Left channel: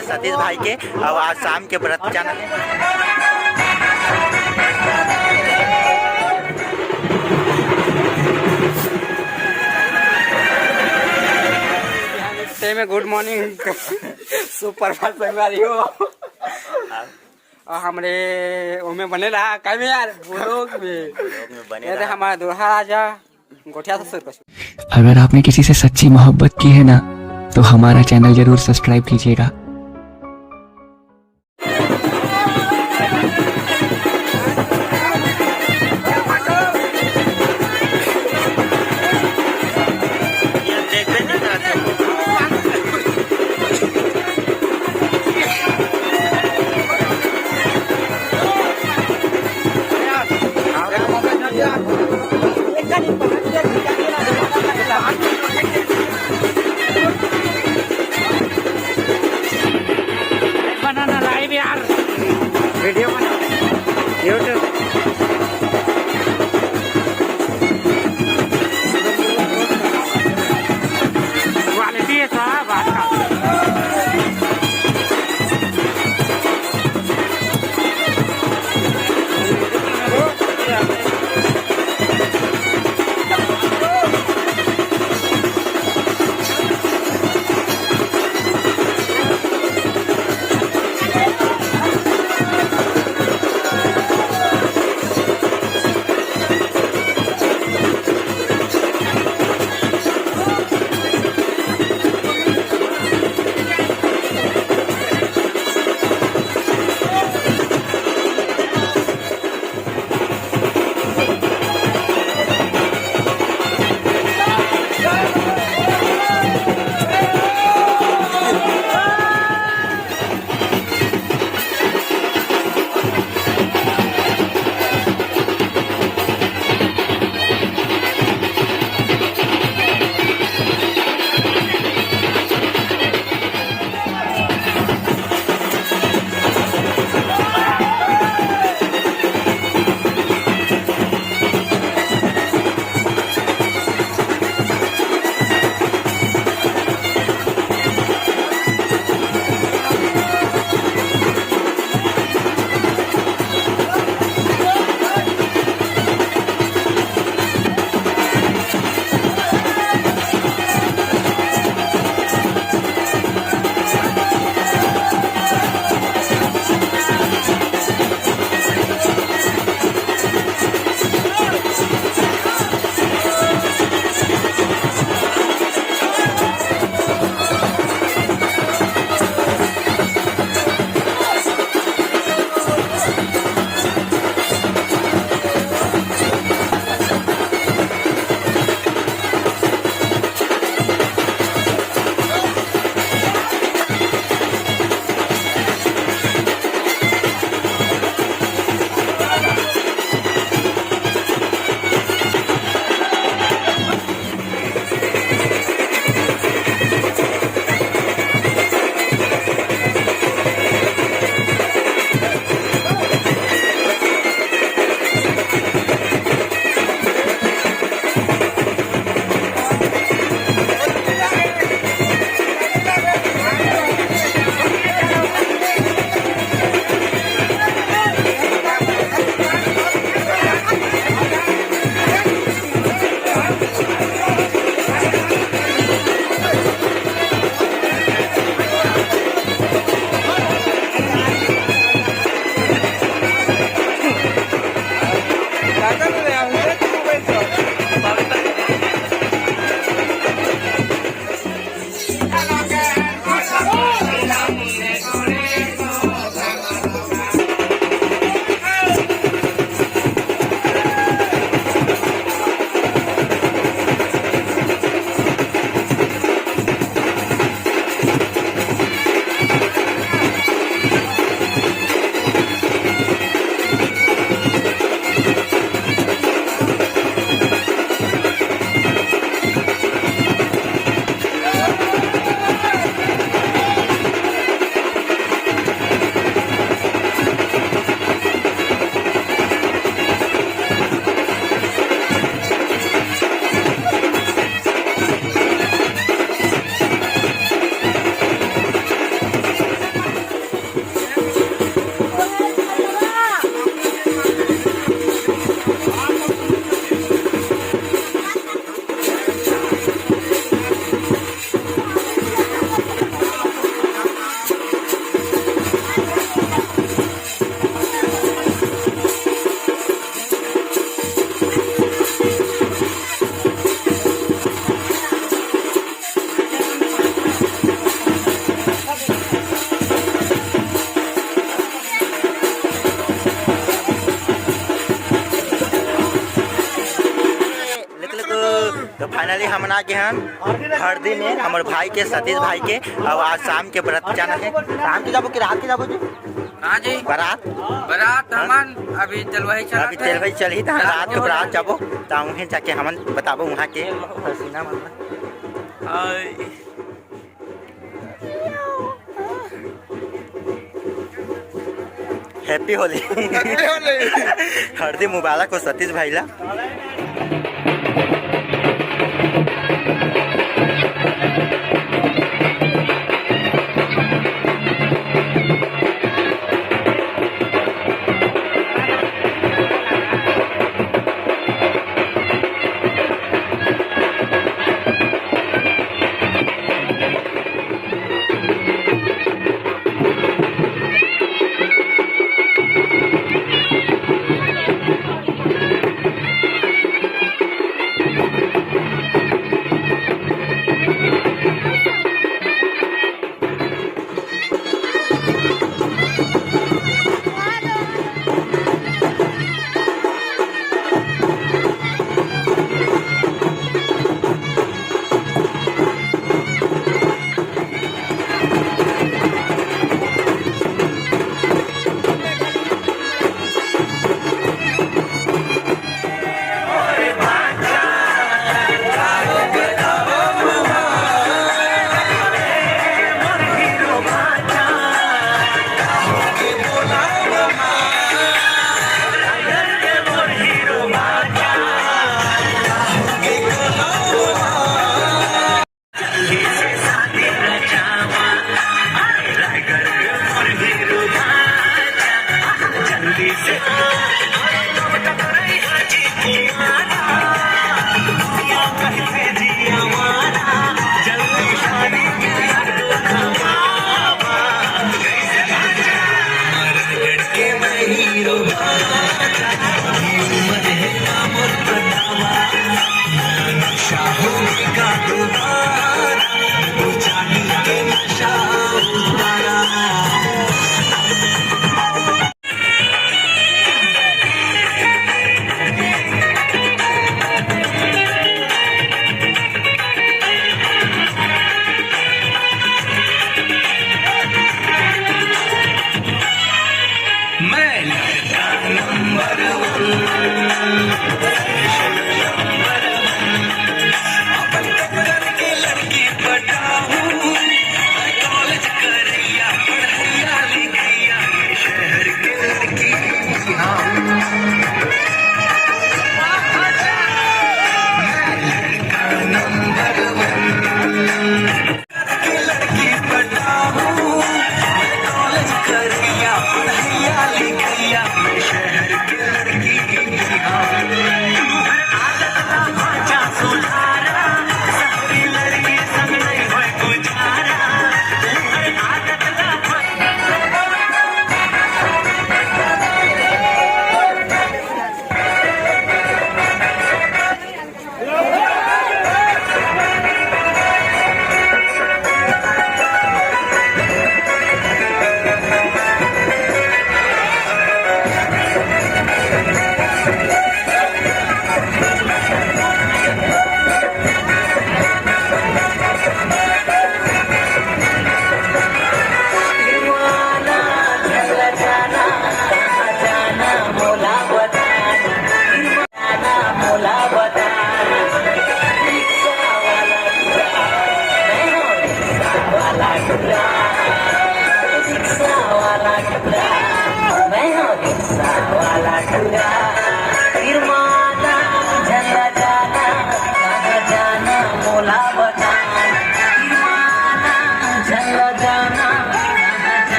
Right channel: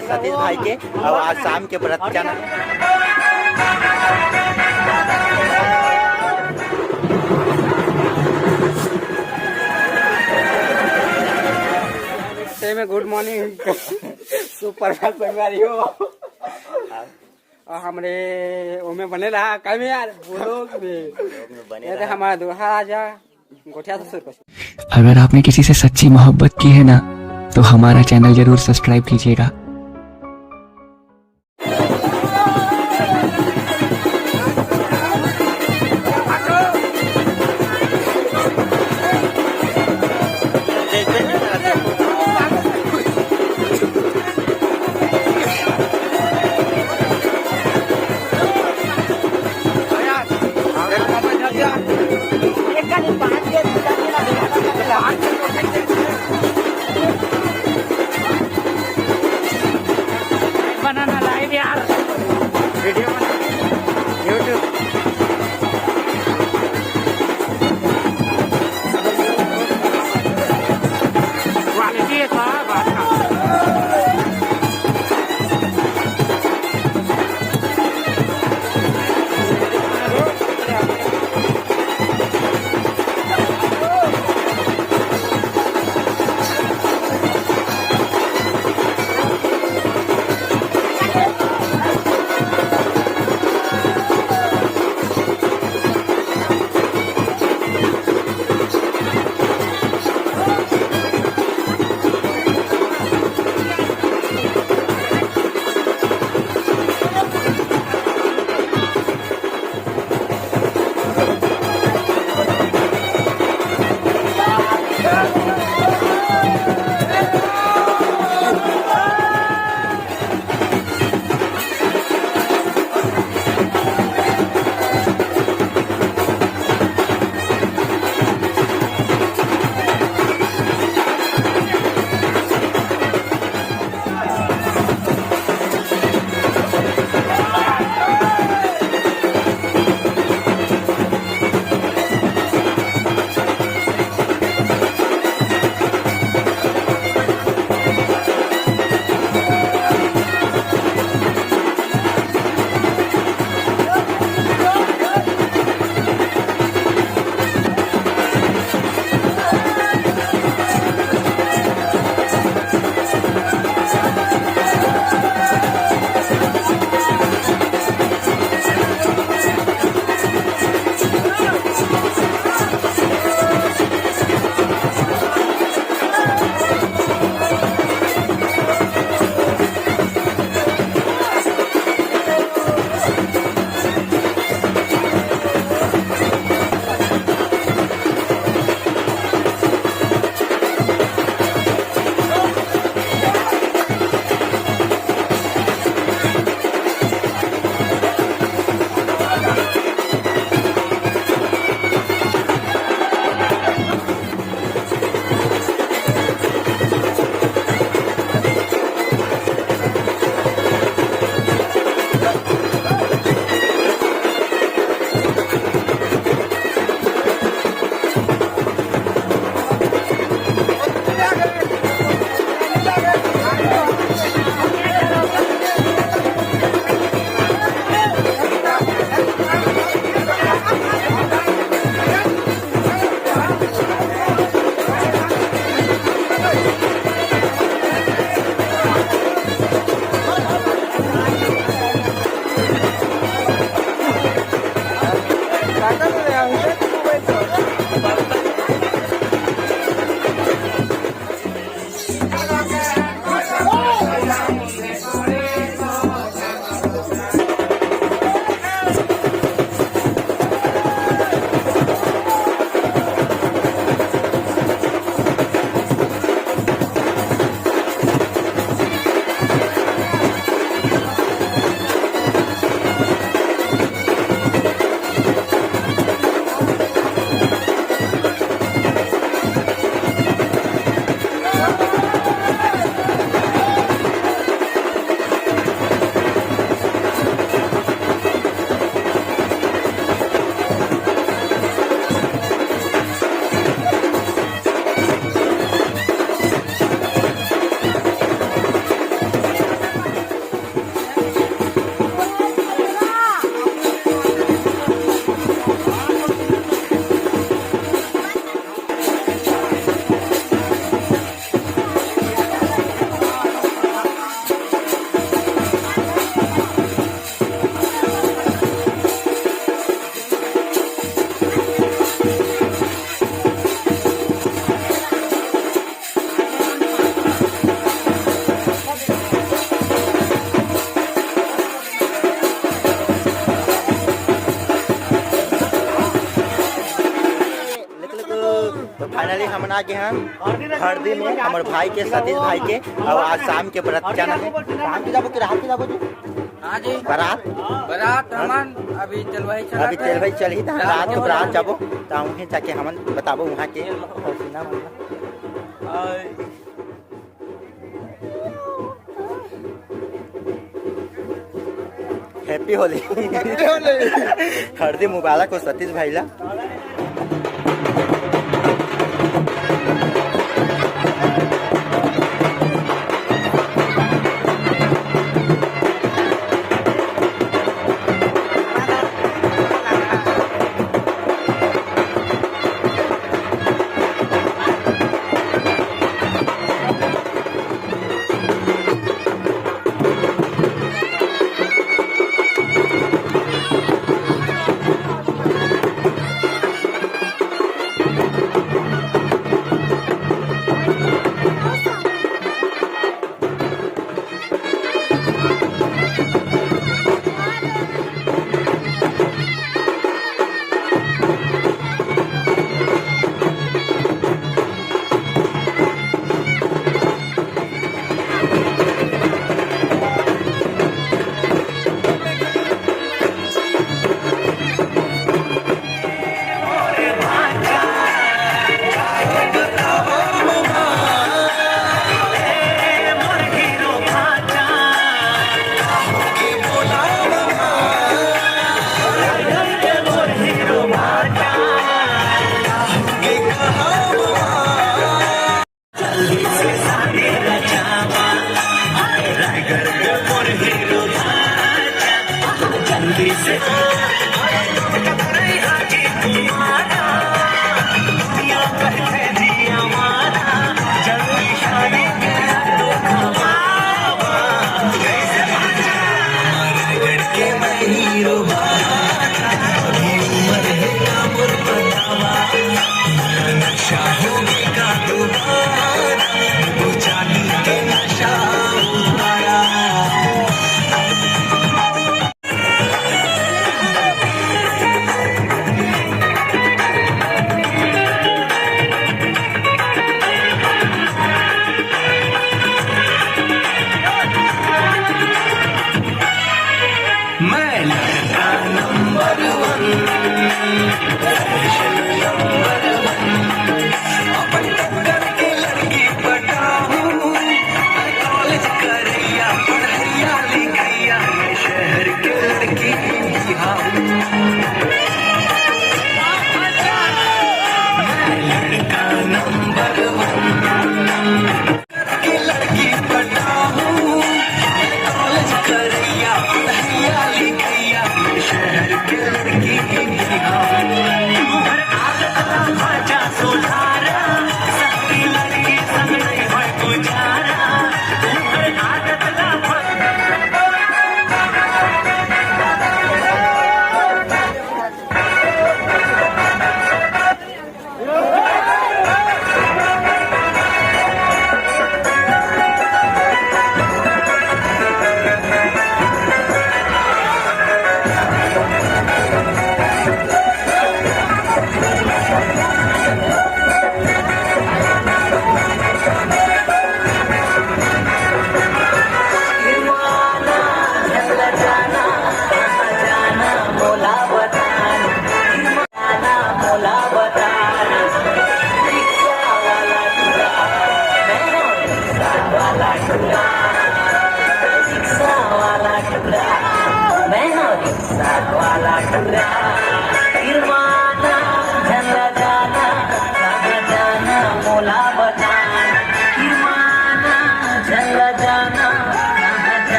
के सतीश भाई के। अब आज शाम के व्रत जाना में गुड मॉर्निंग सुप्रभात संगवारी हो। हमरे ओमे बने रहा काय में यार बोलो में बने रहा हमारा दोहा राजा गोठिया से। अगर आपने किसी से सच्ची मोहब्बत की है ना तो हमारा चैनल जरूर सब्सक्राइब कीजिएगा। हम आ गए हैं हरदी में हमारे भाई के सतीश भाई के। अब आज शाम के बरात जाना है। शाम के जाबो कि रात के जाबो जी? हाँ जी, बारात हमन अभी चलवाई चला अभी चलवाई चली था। रात के बारात जाबो तो वहीं जाके हमन बताबो वहाँ के हसीना मन। Happy Holy. हरदी मुबारक हो सतीश भाई ला।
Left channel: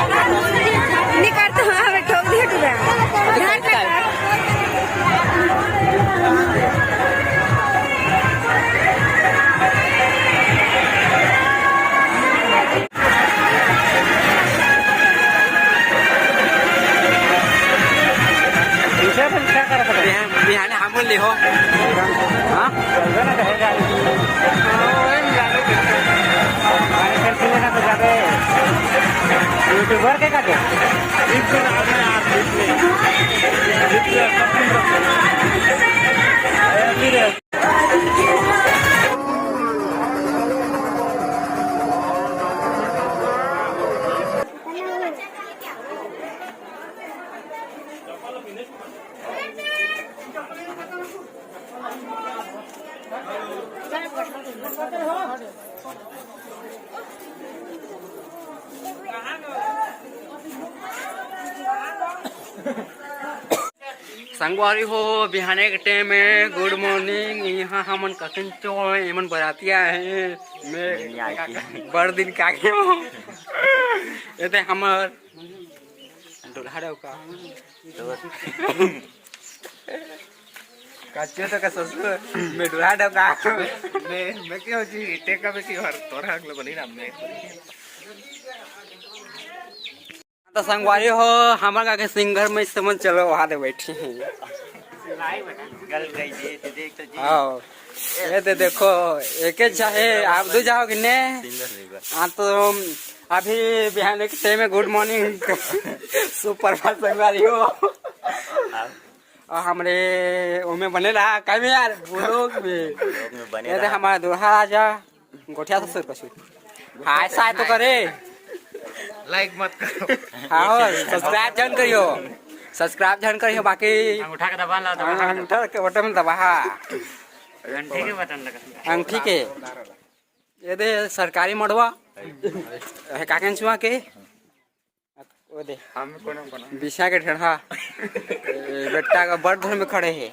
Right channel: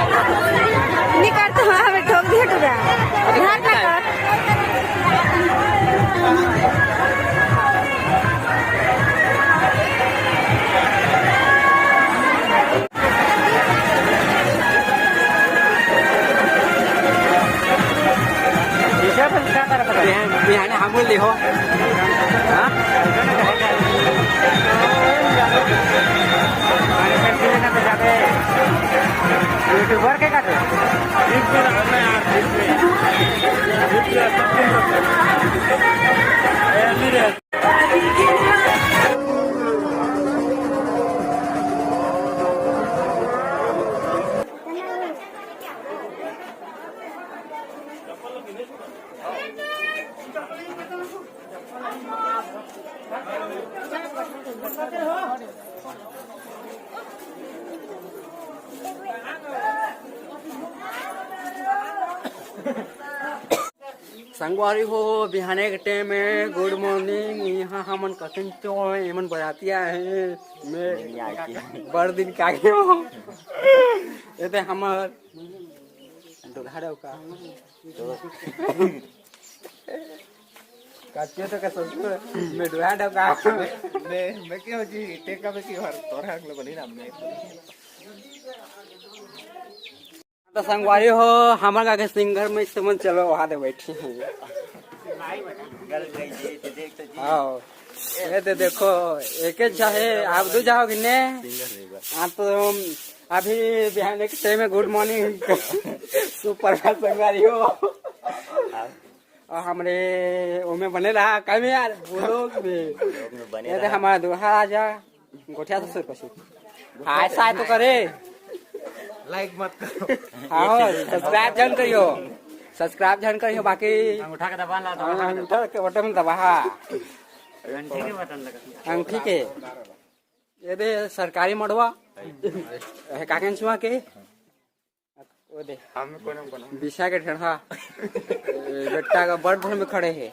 नहीं करते हमें ठोक दिया ध्यान ना कर। बिहान हम बोल हो हाँ यूट्यूबर के का संगवारी हो बिहाने के टाइम में गुड मॉर्निंग। यहाँ हमन कसन चो एमन बरातिया है मैं बड़ दिन का ये हमर दुल्हा का काचियो तो का ससुर मैं दुल्हा का मैं क्यों जी टेका में क्यों हर तोरा अगले बनी ना मैं तो संगवारी हो हमारा के सिंगर में समझ चलो वहाँ दे बैठी हैं हाँ ये तो देखो एक चाहे आप दो जाओगे ने हाँ तो अभी बिहान के टाइम में गुड मॉर्निंग सुप्रभात संगवारी हो और हमरे उनमें बने रहा कहीं में यार बोलो ये तो हमारा दुल्हा राजा गोठिया से पशु हाँ ऐसा तो करे लाइक मत करो हाँ सब्सक्राइब जन करियो सब्सक्राइब जन करियो बाकी अंगूठा का दबा ला अंगूठा के बटन दबा अंगूठे के बटन लगा अंगूठी के ये दे सरकारी मड़वा है काकन छुआ के वो दे बिछा के ठेढ़ा बेटा का बड़ घर में खड़े है